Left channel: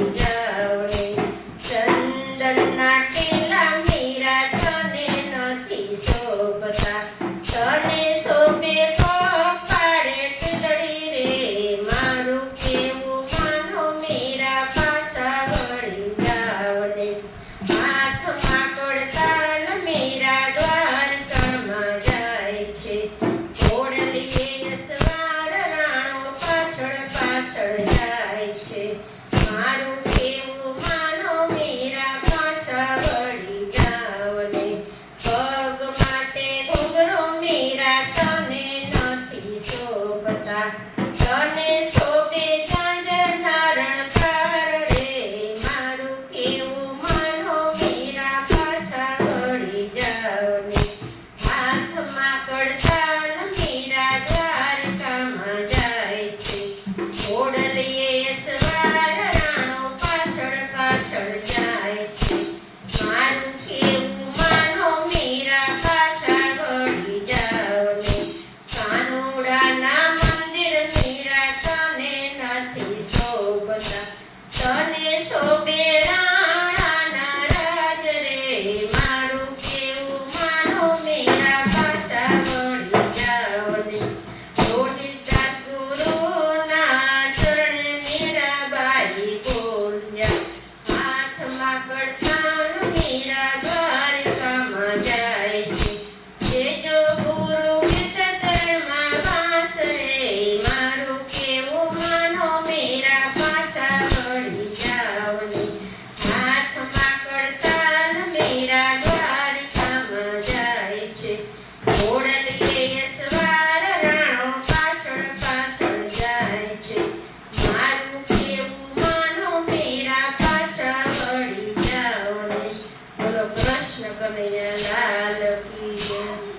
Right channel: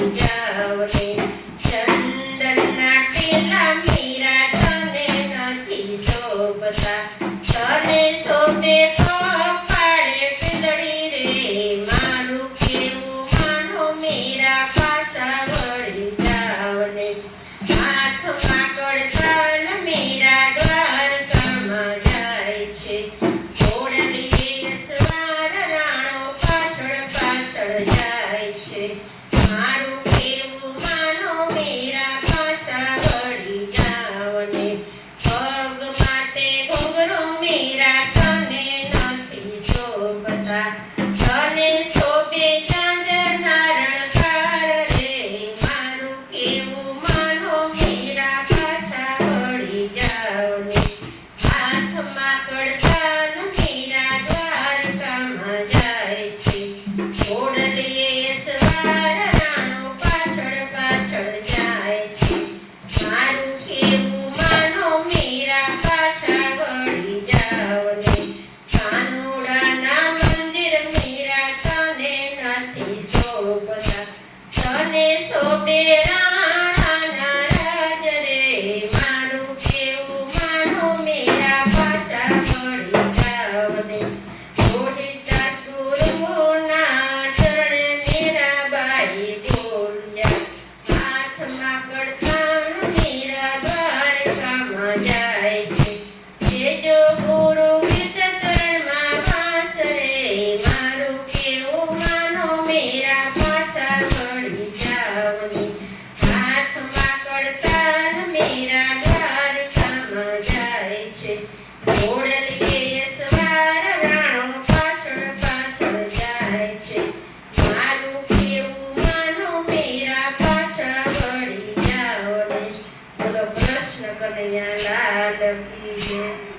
વળી જાવ ને ચંદનના ટીલા મીરા તને નથી શોભતા તને શોભે કપાળે ટીલડી રે મારું કેવું માનો મીરા પાછા વળી જાવ ને હાથમાં કોડતાલ મીરા દ્વારકામાં જાય છે ઓળલીએ સવાર રાણો પાછળ પાછળ જાય છે મારું કેવું માનો મીરા પાછા વળી જાવ ને પગ માટે ઘૂઘરો મીરા તને નથી શોભતા તને શોભે ચાંદના રણકાર રે મારું કેવું માનો મીરા પાછા વળી જાવ ને હાથમાં કડતાલ મીરા દ્વારકામાં જાય છે ઓળલીએ સવાર રાણો પાછળ પાછળ જાય છે મારું કેવું માનો મીરા પાછા વળી જાવ ને કાનુડાના મંદિર મીરા તને નથી શોભતા તને શોભે રાણાના રાજ રે મારું કેવું માનો મીરા પાછા વળી જાવ ને જોડીતા ગુરુના ચરણે મીરાબાઈ બોલ્યા હાથમાં કડતાલ મીરા દ્વારકામાં જાય છે જેજો ગુરુ ગીત ચરણમાં વાસ રે મારું કેવું માનો મીરા પાછા વળી જાવ ને હાથમાં કડતાલ મીરા દ્વારકામાં જાય છે ઓળલીએ સવાર રાણો પાછળ પાછળ જાય છે મારું કેવું માનો મીરા પાછા વળી જાવ ને બોલો કૃષ્ણ કનૈયા લાલ કી જય।